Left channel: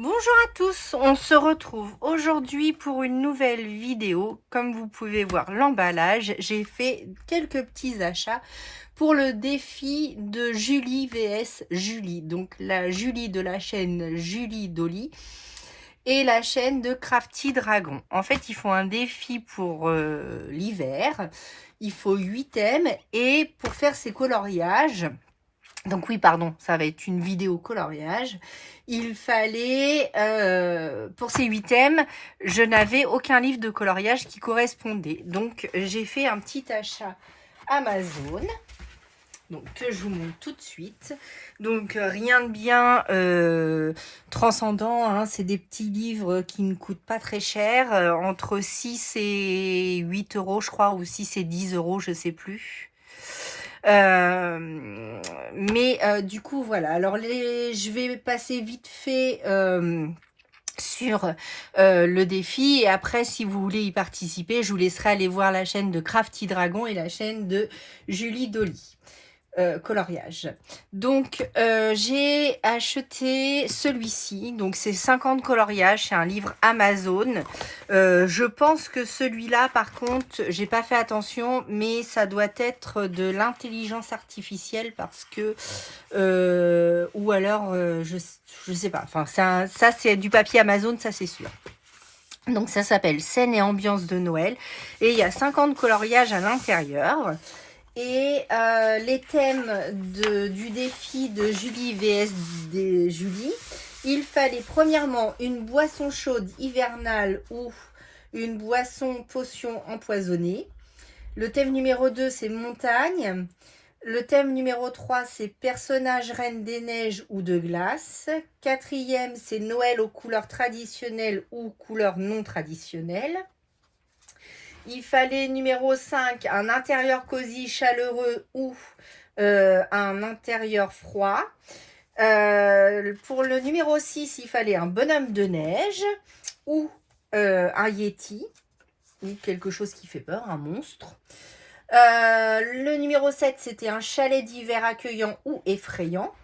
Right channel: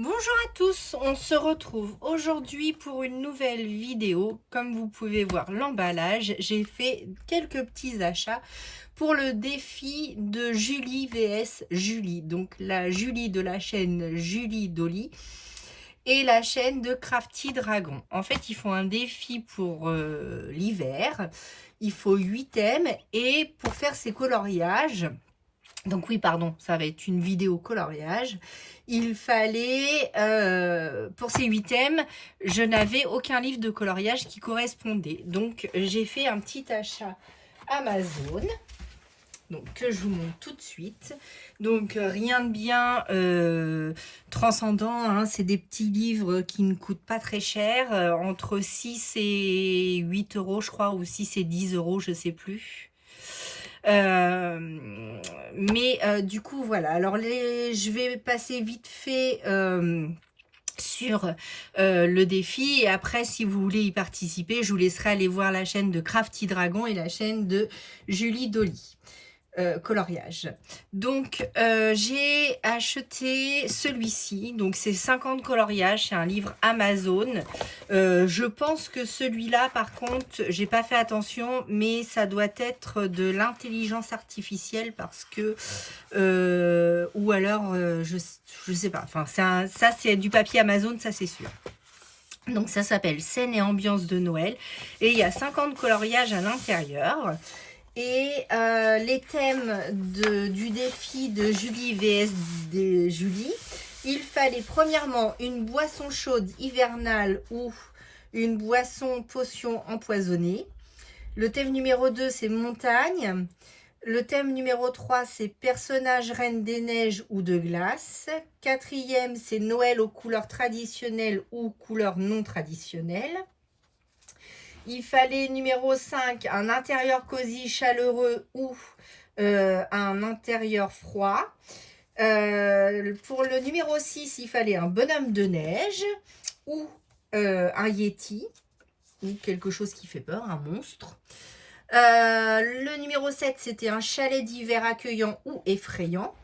Bonjour à tous, on se retrouve aujourd'hui pour une nouvelle vidéo. Comme vous pouvez voir l'emballage, j'ai fait quelques petits achats pour le défi de Julie vs Julie. Donc la Julie de la chaîne Julie Dolly et la chaîne de Crafty Dragon. En fait, ils font un défi pour l'hiver. Il faut 8 thèmes et pour faire ces coloriages, donc oui, pardon, ça va être une vidéo coloriage. Il fallait, pour ces 8 thèmes, je n'avais aucun livre de coloriage qui correspondait. Donc, j'ai fait un petit achat Amazon, donc que je vous montre tout de suite. Donc, rien de bien transcendant, hein, c'est des petits livres qui ne coûtent pas très cher, entre 6 et 8 euros, je crois, ou 6 et 10 euros, je ne sais plus. Du coup, voilà. Alors, je vais passer vite fait sur le défi. Et après, si vous voulez y participer, je vous laisserai aller voir la chaîne de Crafty Dragon et la chaîne de Julie Dolly. Coloriage. Donc, j'ai acheté celui-ci. Donc, c'est 50 coloriages. C'est un livre Amazon. Je pense que celui-là, par contre, j'ai pas fait attention, mais ça doit être de l'intelligence artificielle parce que, ou alors, je sais pas. Enfin, ça c'est du papier Amazon, ça c'est sûr. Donc, ça s'appelle Scène et ambiance de Noël. Et il y a 50 coloriages à l'intérieur. Et les thèmes du défi de Julie vs Julie, il fallait premièrement une boisson chaude hivernale ou une boisson potion empoisonnée. Le thème numéro 2, c'est montagne. Le thème numéro 3, c'est personnage reine des neiges ou de glace. Quatrième, c'est Noël aux couleurs traditionnelles ou couleurs non traditionnelles. Il fallait numéro 5, un intérieur cosy, chaleureux ou un intérieur froid. Pour le numéro 6, il fallait un bonhomme de neige ou un yeti, ou quelque chose qui fait peur, un monstre. Le numéro 7, c'était un chalet d'hiver accueillant ou effrayant.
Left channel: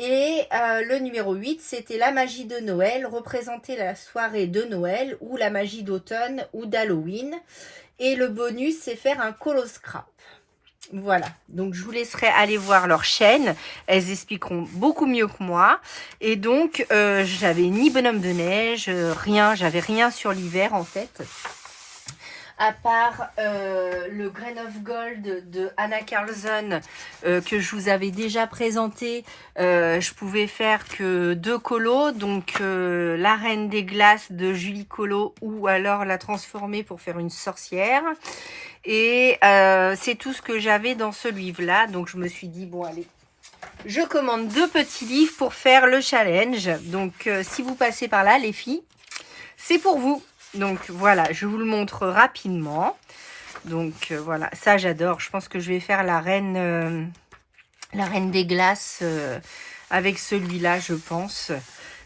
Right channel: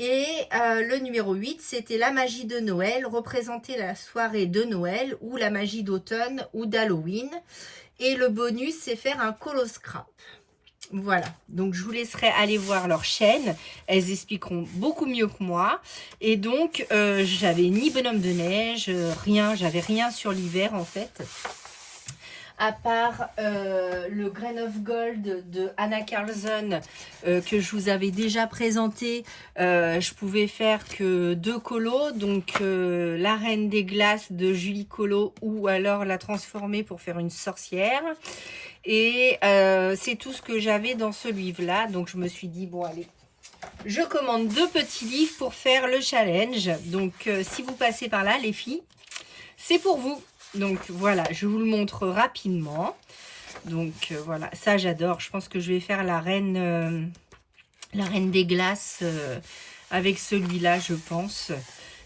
Et le numéro 8, c'était la magie de Noël, représenter la soirée de Noël ou la magie d'automne ou d'Halloween. Et le bonus, c'est faire un coloscrap. Voilà, donc je vous laisserai aller voir leur chaîne. Elles expliqueront beaucoup mieux que moi. Et donc, j'avais ni bonhomme de neige, rien, j'avais rien sur l'hiver en fait. À part le Grain of Gold de Anna Carlson que je vous avais déjà présenté, je pouvais faire que 2 colos, donc la Reine des Glaces de Julie Colo ou alors la transformer pour faire une sorcière. Et c'est tout ce que j'avais dans ce livre-là, donc je me suis dit, bon allez, je commande 2 petits livres pour faire le challenge. Donc si vous passez par là les filles, c'est pour vous. Donc voilà, je vous le montre rapidement. Donc voilà, ça j'adore. Je pense que je vais faire la reine des glaces avec celui-là, je pense.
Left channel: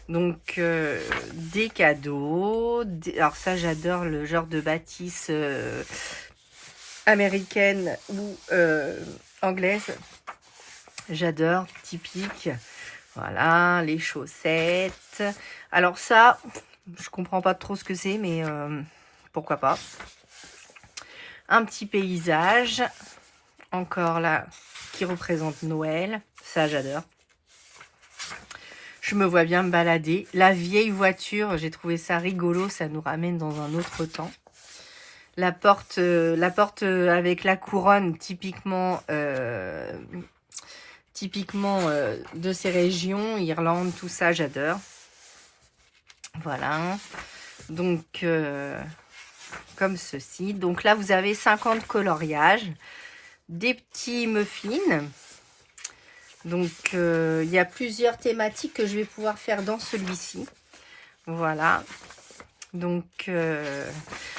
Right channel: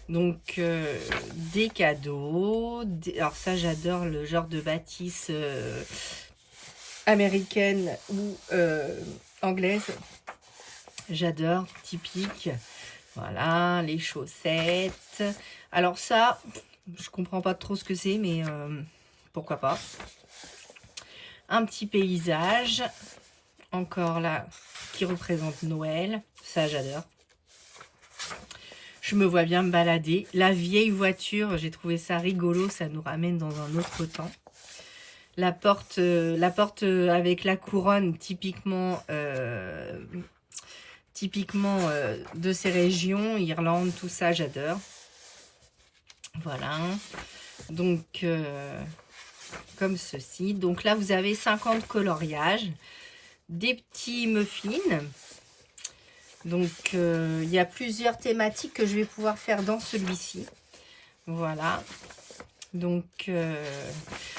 Donc des cadeaux. Alors ça j'adore le genre de bâtisse américaine ou anglaise. J'adore, typique. Voilà, les chaussettes. Alors ça, je comprends pas trop ce que c'est, mais pourquoi pas. Un petit paysage, encore là, qui représente Noël. Ça, j'adore. Je me vois bien me balader. La vieille voiture, j'ai trouvé ça rigolo. Ça nous ramène dans un autre temps. La porte avec la couronne, typiquement de ces régions, Irlande, tout ça, j'adore. Voilà. Donc, comme ceci. Donc là, vous avez 50 coloriages, des petits muffins. Donc, il y a plusieurs thématiques que je vais pouvoir faire dans celui-ci. Voilà. Donc,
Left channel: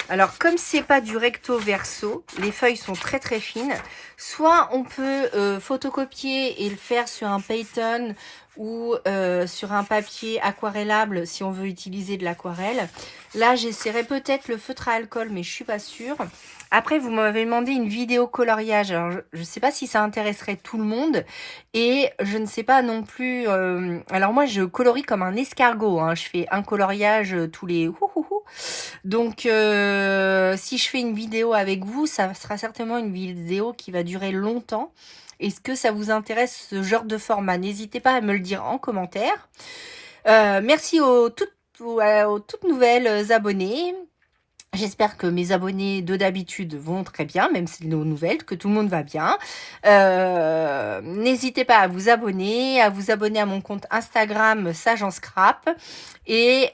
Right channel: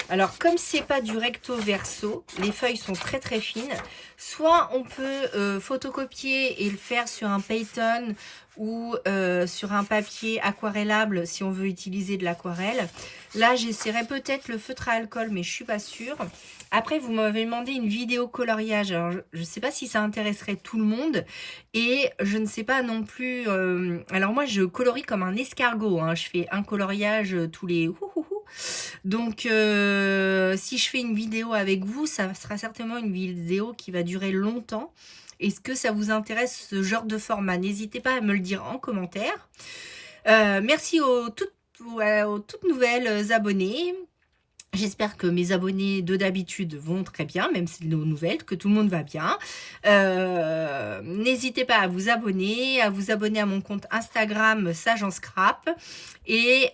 alors comme c'est pas du recto verso, les feuilles sont très très fines. Soit on peut photocopier et le faire sur un Payton ou sur un papier aquarellable si on veut utiliser de l'aquarelle. Là, j'essaierai peut-être le feutre à alcool, mais je suis pas sûre. Après, vous m'avez demandé une vidéo coloriage. Alors, je ne sais pas si ça intéresserait tout le monde. Et je ne sais pas non plus... alors moi, je colorie comme un escargot. Hein. Je fais un coloriage tous les... Donc, si je fais une vidéo avec vous, ça sera certainement une vidéo qui va durer longtemps. Est-ce que ça vous intéresse ce genre de format? N'hésitez pas à me le dire en commentaire. Merci aux toutes nouvelles abonnées. J'espère que mes abonnés de d'habitude vont très bien, même si c'est nos nouvelles, que tout le monde va bien. N'hésitez pas à vous abonner à mon compte Instagram Sage en Scrap. Et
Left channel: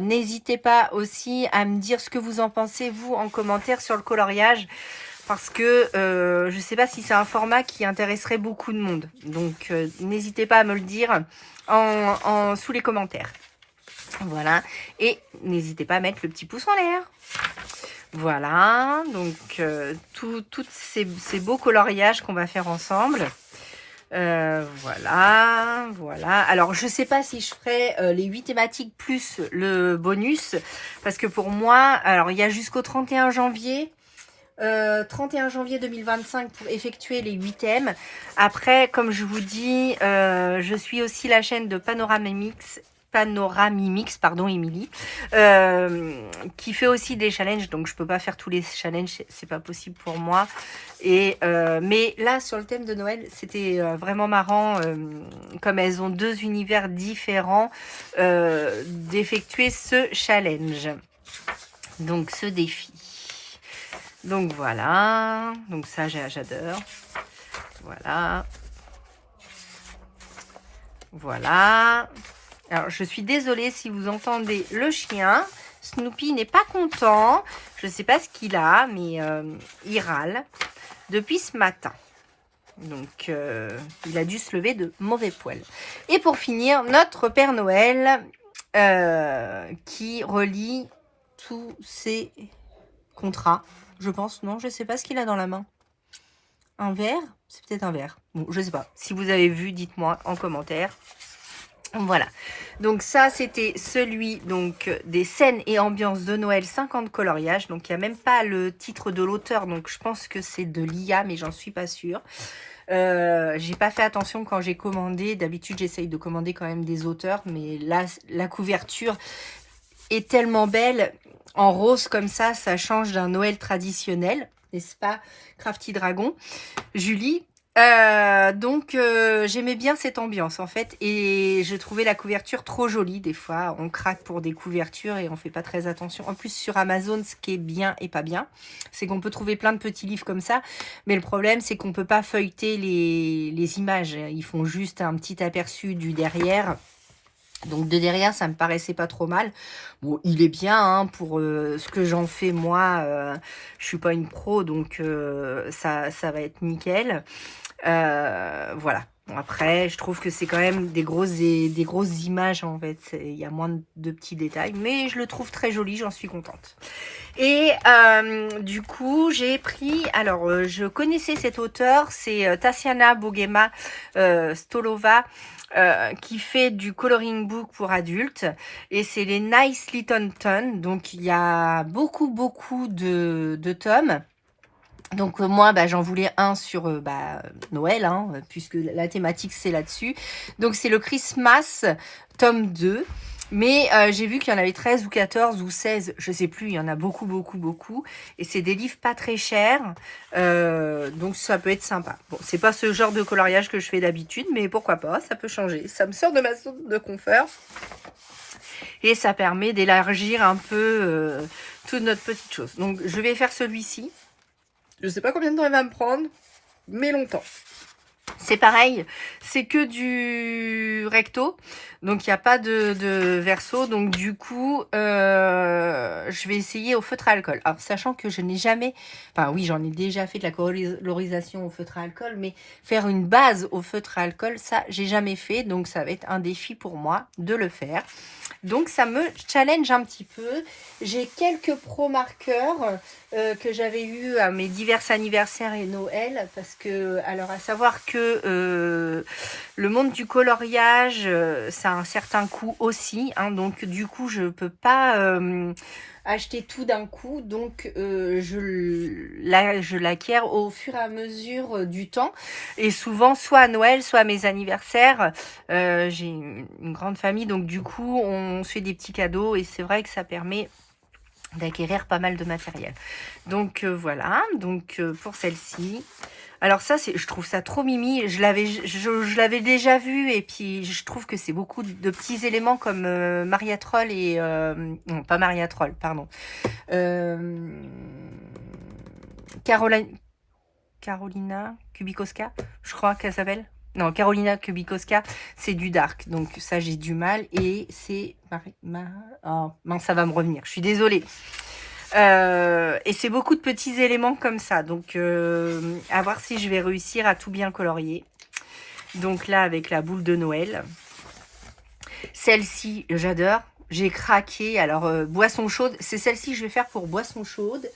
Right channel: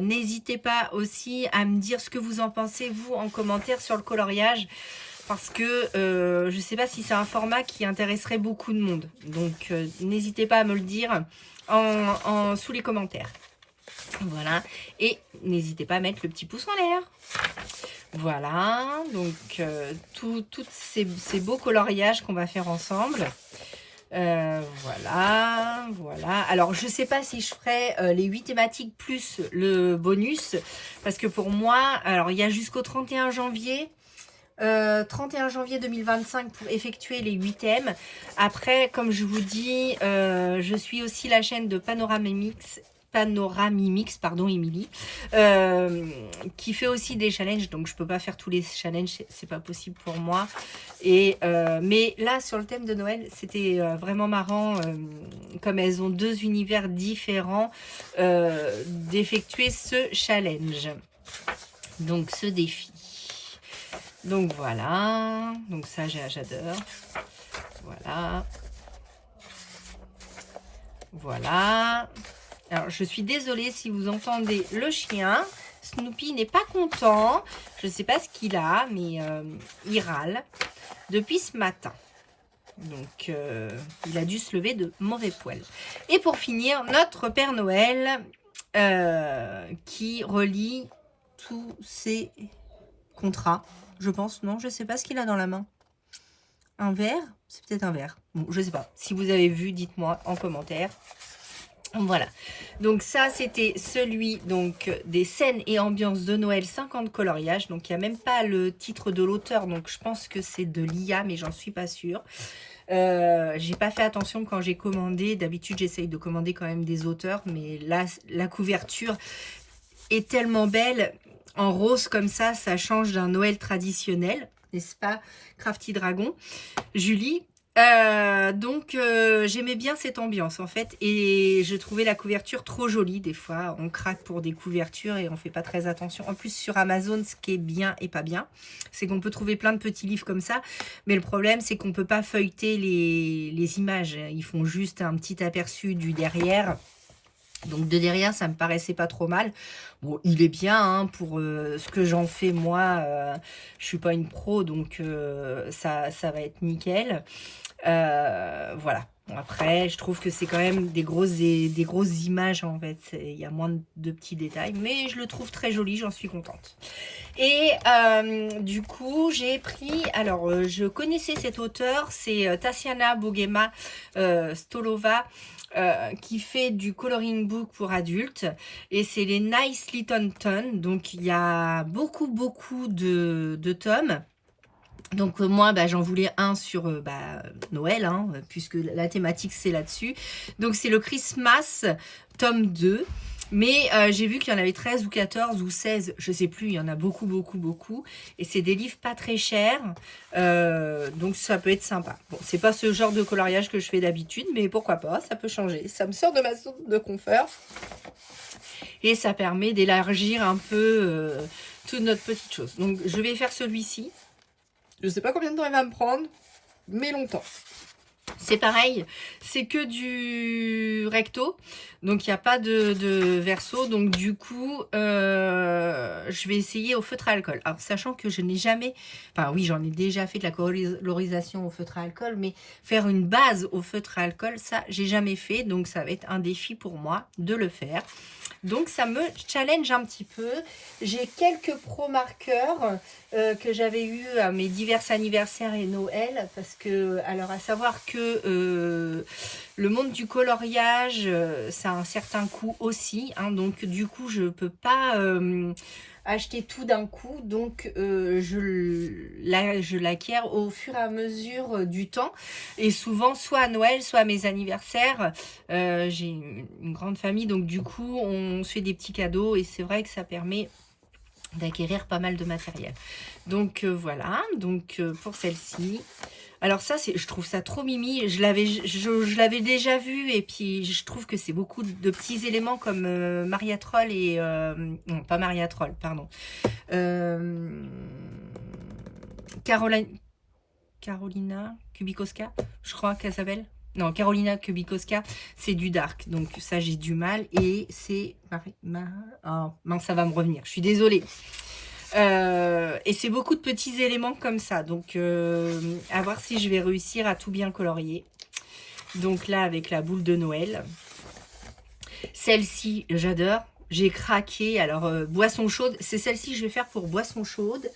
n'hésitez pas aussi à me dire ce que vous en pensez, vous, en commentaire sur le coloriage. Parce que je ne sais pas si c'est un format qui intéresserait beaucoup de monde. Donc, n'hésitez pas à me le dire sous les commentaires. Voilà, et n'hésitez pas à mettre le petit pouce en l'air. Voilà, donc tous ces beaux coloriages qu'on va faire ensemble. Voilà. Alors, je sais pas si je ferai les 8 thématiques plus le bonus. Parce que pour moi, alors il y a jusqu'au 31 janvier. 31 janvier 2025 pour effectuer les 8 thèmes. Après, comme je vous dis, je suis aussi la chaîne de Panoramimix, pardon, Émilie, qui fait aussi des challenges, donc je peux pas faire tous les challenges, c'est pas possible pour moi. Et mais là, sur le thème de Noël, c'était vraiment marrant, comme elles ont 2 univers différents, d'effectuer ce challenge, donc ce défi. Donc voilà, donc ça j'adore. Voilà. Alors je suis désolée si vous entendez le chien. Snoopy n'est pas content. Je ne sais pas ce qu'il a, mais il râle depuis ce matin. Donc il a dû se lever de mauvais poil. Et pour finir, notre Père Noël qui relie tous ses contrats. Je pense, non, je sais pas ce qu'il a dans la main. Un verre? C'est peut-être un verre. Bon, je sais pas. Si vous avez vu, dites-moi en commentaire. Voilà. Donc ça, c'était celui donc des scènes et ambiances de Noël 50 coloriages. Donc il n'y a même pas le titre de l'auteur. Donc je pense que c'est de l'IA, mais j'en suis pas sûre. J'ai pas fait attention quand j'ai commandé. D'habitude, j'essaye de commander quand même des auteurs. Mais là, la couverture est tellement belle. En rose comme ça change d'un Noël traditionnel, n'est-ce pas, Crafty Dragon, Julie. Donc j'aimais bien cette ambiance en fait, et je trouvais la couverture trop jolie. Des fois on craque pour des couvertures et on fait pas très attention. En plus sur Amazon, ce qui est bien et pas bien, c'est qu'on peut trouver plein de petits livres comme ça, mais le problème c'est qu'on peut pas feuilleter les images. Ils font juste un petit aperçu du derrière. Donc de derrière, ça me paraissait pas trop mal. Bon, il est bien hein, pour ce que j'en fais moi. Je suis pas une pro, donc ça va être nickel. Voilà. Bon, après, je trouve que c'est quand même des grosses images en fait. Il y a moins de petits détails, mais je le trouve très joli. J'en suis contente. Et du coup, j'ai pris... Alors, je connaissais cet auteur, c'est Tatiana Bogema Stolova. Qui fait du coloring book pour adultes, et c'est les Nice Little Ton. Donc il y a beaucoup de tomes. Donc moi j'en voulais un sur Noël hein, puisque la thématique c'est là-dessus. Donc c'est le Christmas tome 2. Mais j'ai vu qu'il y en avait 13 ou 14 ou 16, je sais plus, il y en a beaucoup. Et c'est des livres pas très chers, donc ça peut être sympa. Bon, c'est pas ce genre de coloriage que je fais d'habitude, mais pourquoi pas, ça peut changer. Ça me sort de ma zone de confort. Et ça permet d'élargir un peu toute notre petite chose. Donc je vais faire celui-ci. Je sais pas combien de temps il va me prendre, mais longtemps. C'est pareil, c'est que du recto, donc il n'y a pas de verso, donc du coup, je vais essayer au feutre à alcool. Alors, sachant que je n'ai jamais, enfin oui, j'en ai déjà fait de la colorisation au feutre à alcool, mais faire une base au feutre à alcool, ça, j'ai jamais fait, donc ça va être un défi pour moi de le faire. Donc ça me challenge un petit peu. J'ai quelques pro marqueurs que j'avais eu à mes divers anniversaires et Noël, parce que, alors à savoir que le monde du coloriage, ça a un certain coût aussi, hein, donc du coup je peux pas acheter tout d'un coup, donc je l'acquiers au fur et à mesure du temps, et souvent soit à Noël, soit à mes anniversaires. J'ai une grande famille, donc du coup on se fait des petits cadeaux, et c'est vrai que ça permet d'acquérir pas mal de matériel. Donc voilà, donc pour celle-ci. Alors ça, je trouve ça trop mimi. Je l'avais déjà vu, et puis je trouve que c'est beaucoup de petits éléments comme Maria Troll et... non, pas Maria Troll, pardon. Carolina Kubikowska, je crois qu'elle s'appelle. Non, Carolina Kubikowska, c'est du dark. Donc ça, j'ai du mal. Et c'est... Oh, mince, ça va me revenir. Je suis désolée. Et c'est beaucoup de petits éléments comme ça. Donc, à voir si je vais réussir à tout bien colorier. Donc là, avec la boule de Noël. Celle-ci, j'adore. J'ai craqué. Alors, boisson chaude. C'est celle-ci que je vais faire pour boisson chaude.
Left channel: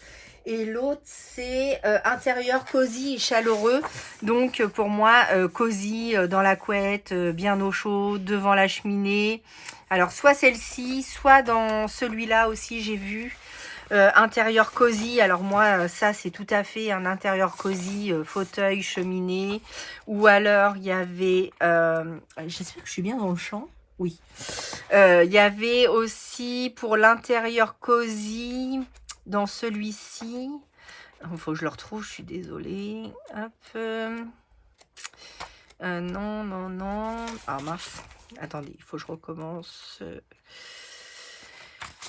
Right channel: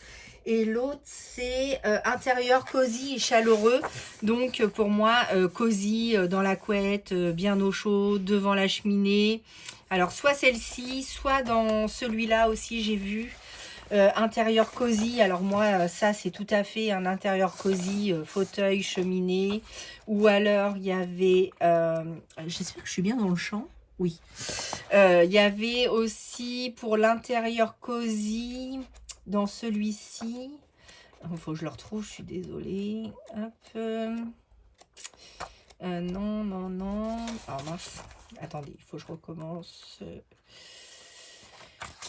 Et l'autre, c'est intérieur cosy et chaleureux. Donc, pour moi, cosy dans la couette, bien au chaud, devant la cheminée. Alors, soit celle-ci, soit dans celui-là aussi, j'ai vu. Intérieur cosy, alors moi ça c'est tout à fait un intérieur cosy, fauteuil, cheminée. Ou alors il y avait, j'espère que je suis bien dans le champ, oui. Il y avait aussi pour l'intérieur cosy, dans celui-ci, il faut que je le retrouve, je suis désolée. Hop. Non. Ah mince, attendez, il faut que je recommence.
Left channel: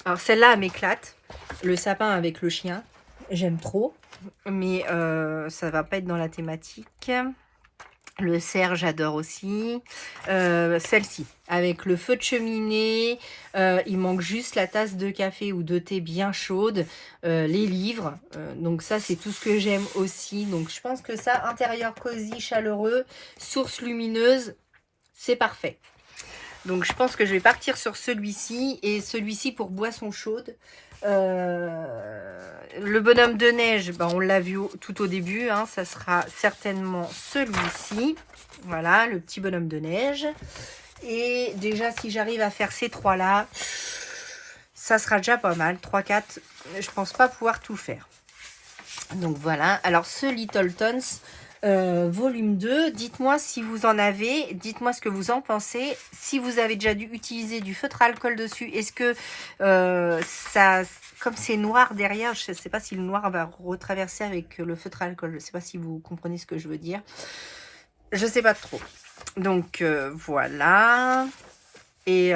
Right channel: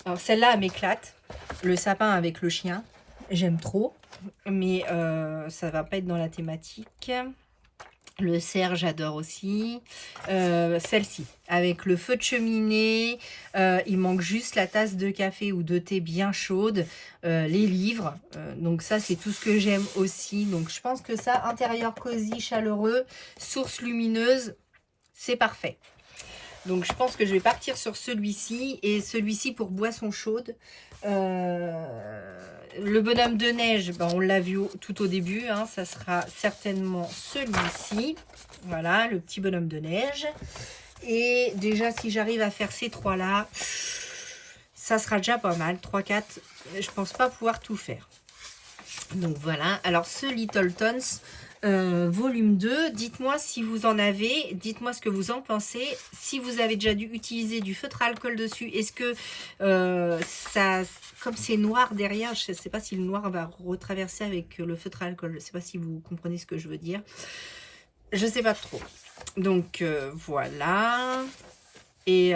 Alors celle-là, elle m'éclate. Le sapin avec le chien, j'aime trop. Mais ça va pas être dans la thématique. Le cerf, j'adore aussi. Celle-ci, avec le feu de cheminée. Il manque juste la tasse de café ou de thé bien chaude. Les livres. Donc ça, c'est tout ce que j'aime aussi. Donc je pense que ça, intérieur cosy, chaleureux, source lumineuse, c'est parfait. Donc, je pense que je vais partir sur celui-ci. Et celui-ci pour boisson chaude. Le bonhomme de neige, ben, on l'a vu tout au début. Hein, ça sera certainement celui-ci. Voilà, le petit bonhomme de neige. Et déjà, si j'arrive à faire ces trois-là, ça sera déjà pas mal. 3-4, je pense pas pouvoir tout faire. Donc, voilà. Alors, ce Little Tons... volume 2, dites-moi si vous en avez, dites-moi ce que vous en pensez, si vous avez déjà dû utiliser du feutre à alcool dessus, est-ce que ça, comme c'est noir derrière, je ne sais pas si le noir va retraverser avec le feutre à alcool, je ne sais pas si vous comprenez ce que je veux dire, je ne sais pas trop. Donc voilà. Et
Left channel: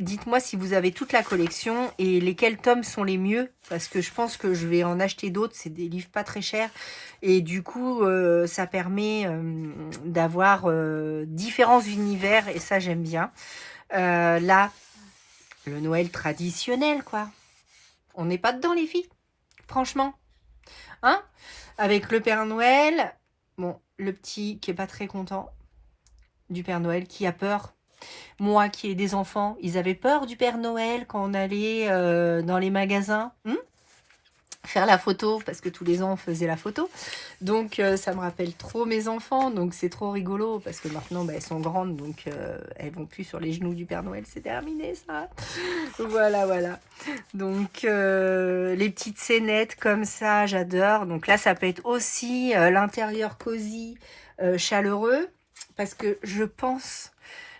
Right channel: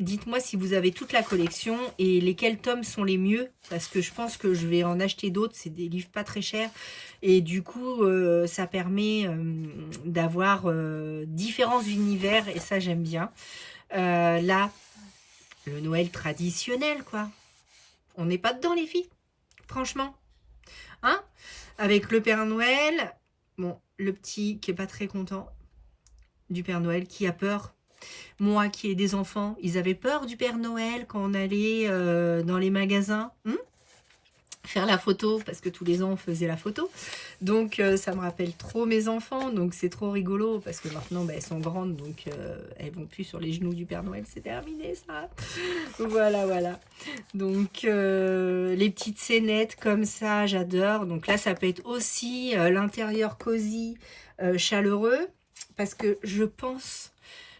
dites-moi si vous avez toute la collection et lesquels tomes sont les mieux, parce que je pense que je vais en acheter d'autres, c'est des livres pas très chers, et du coup ça permet d'avoir différents univers, et ça j'aime bien. Là, le Noël traditionnel, quoi. On n'est pas dedans les filles, franchement. Hein? Avec le Père Noël, bon, le petit qui est pas très content du Père Noël, qui a peur. Moi qui ai des enfants, ils avaient peur du Père Noël quand on allait dans les magasins faire la photo, parce que tous les ans on faisait la photo. Donc ça me rappelle trop mes enfants, donc c'est trop rigolo, parce que maintenant elles sont grandes, donc elles vont plus sur les genoux du Père Noël, c'est terminé ça. Voilà. Donc les petites scénettes comme ça, j'adore. Donc là ça peut être aussi l'intérieur cosy, chaleureux, parce que je pense...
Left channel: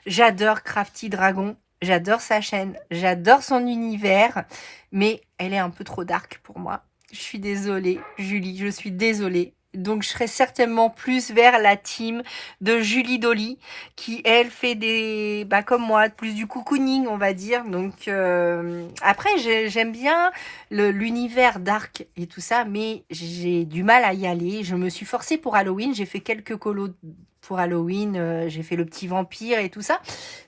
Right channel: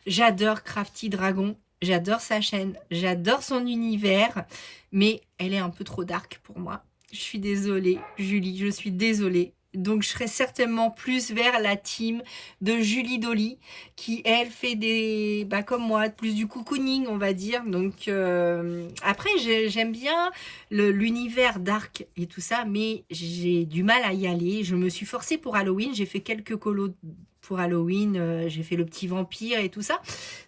J'adore Crafty Dragon, j'adore sa chaîne, j'adore son univers, mais elle est un peu trop dark pour moi. Je suis désolée, Julie, je suis désolée. Donc, je serai certainement plus vers la team de Julie Dolly, qui, elle, fait des... Bah, comme moi, plus du cocooning, on va dire. Donc, après, j'aime bien l'univers dark et tout ça, mais j'ai du mal à y aller. Je me suis forcée pour Halloween, j'ai fait quelques colos pour Halloween, j'ai fait le petit vampire et tout ça.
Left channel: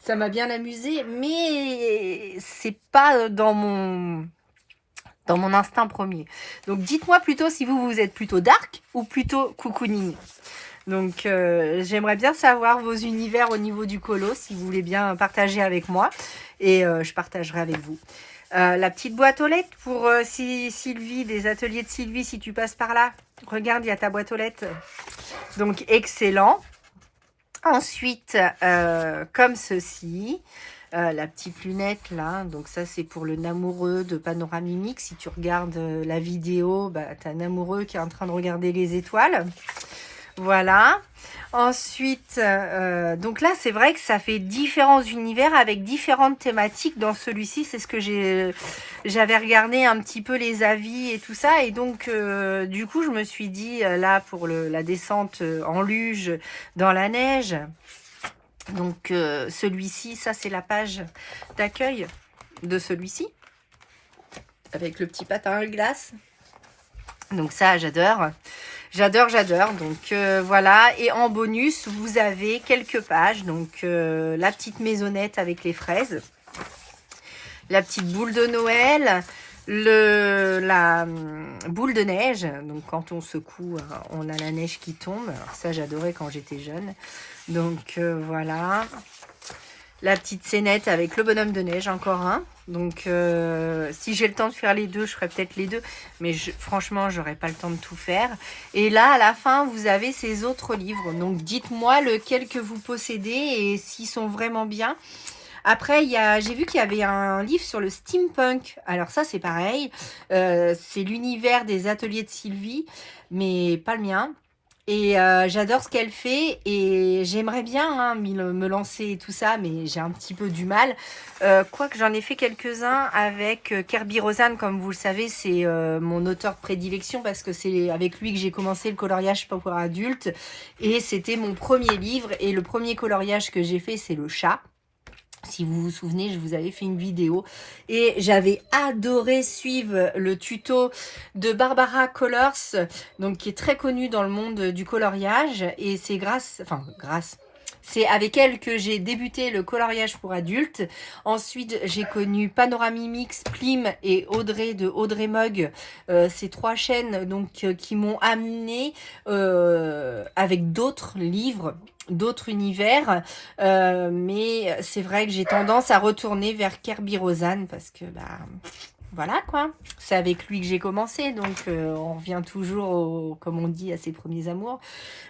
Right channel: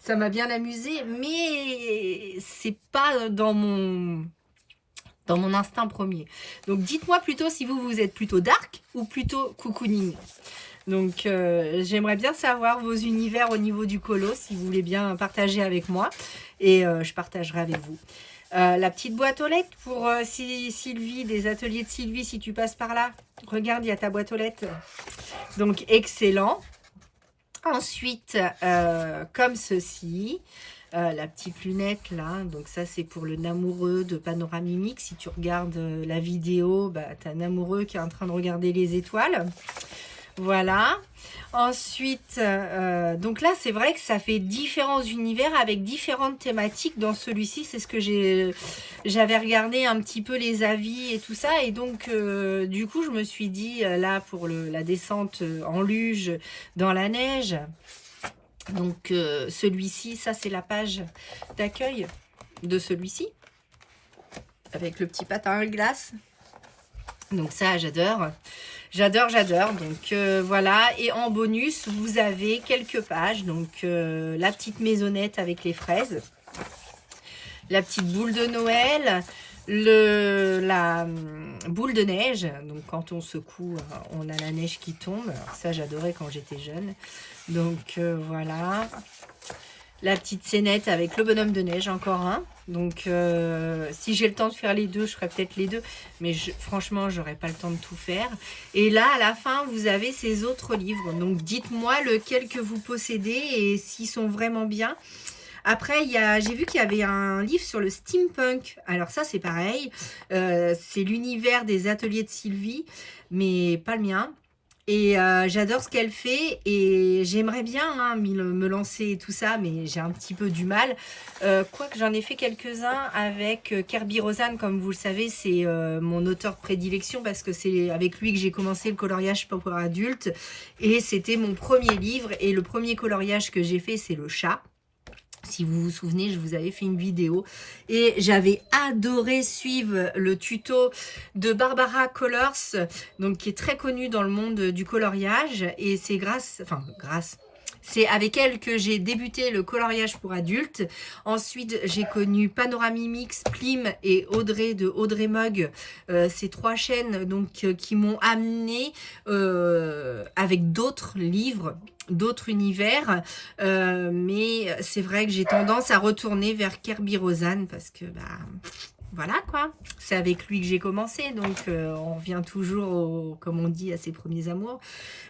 Ça m'a bien amusé, mais c'est pas dans mon instinct premier. Donc dites-moi plutôt si vous êtes plutôt dark ou plutôt cocooning. Donc j'aimerais bien savoir vos univers au niveau du colo, si vous voulez bien partager avec moi. Et je partagerai avec vous. La petite boîte aux lettres pour Sylvie, des ateliers de Sylvie, si tu passes par là. Regarde, il y a ta boîte aux lettres. Donc excellent. Ensuite, comme ceci, la petite lunette là, donc ça c'est pour le amoureux de Panoramimique. Si tu regardes la vidéo, bah, tu as un amoureux qui est en train de regarder les étoiles. Voilà. Ensuite, donc là c'est vrai que ça fait différents univers avec différentes thématiques. Dans celui-ci, c'est ce que j'avais regardé un petit peu les avis et tout ça. Et donc du coup je me suis dit là pour la descente en luge dans la neige. Donc celui-ci, ça c'est la page d'accueil de celui-ci. Avec le petit patin à glace. Donc ça j'adore. J'adore, j'adore. Donc voilà. Et en bonus, vous avez quelques pages. Donc la petite maisonnette avec les fraises. La petite boule de Noël. La boule de neige. Donc quand on secoue, on a la neige qui tombe. Alors, ça, j'adorais quand j'étais jeune. Donc voilà. La petite scénette avec le bonhomme de neige, encore un. Donc, si j'ai le temps de faire les deux, je ferai peut-être les deux. Mais franchement, j'aurai pas le temps de tout faire. Et là, à la fin, vous avez ces autres livres. Donc, dites-moi lequel que vous possédez et s'ils sont vraiment bien. Après, j'ai vu qu'il y avait un livre sur le steampunk. Alors ça, c'est pareil. C'est l'univers des ateliers de Sylvie, mais pas le mien. Et j'adore ce qu'elle fait et j'aimerais bien me lancer et tout ça, mais j'ai un petit peu du mal. Quoique j'en ai fait quelques-uns avec Kerby Rosan, comme vous le savez, c'est mon auteur de prédilection parce que c'est avec lui que j'ai commencé le coloriage pour adultes. Et c'était mon premier livre et le premier coloriage que j'ai fait, c'est le chat. Si vous vous souvenez, je vous avais fait une vidéo et j'avais adoré suivre le tuto de Barbara Colors, donc qui est très connue dans le monde du coloriage. Et c'est c'est avec elle que j'ai débuté le coloriage pour adultes. Ensuite, j'ai connu Panoramimix, Plim et Audrey de Audrey Mug. Ces trois chaînes donc, qui m'ont amené avec d'autres livres, d'autres univers. Mais c'est vrai que j'ai tendance à retourner vers Kerby Rosan parce que bah voilà quoi, c'est avec lui que j'ai commencé, donc on revient toujours, comme on dit, à ses premiers amours.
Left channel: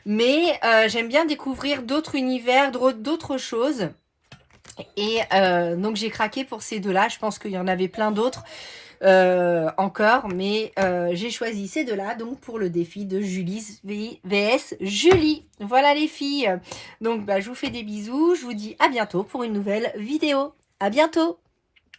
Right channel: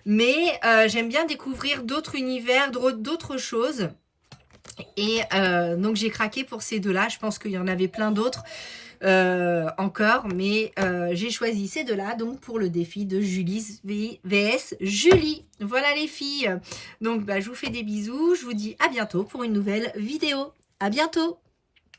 Mais j'aime bien découvrir d'autres univers, d'autres choses. Et donc j'ai craqué pour ces deux-là. Je pense qu'il y en avait plein d'autres encore, mais j'ai choisi ces deux-là donc pour le défi de Julie vs Julie. Voilà les filles. Donc bah, je vous fais des bisous. Je vous dis à bientôt pour une nouvelle vidéo. À bientôt.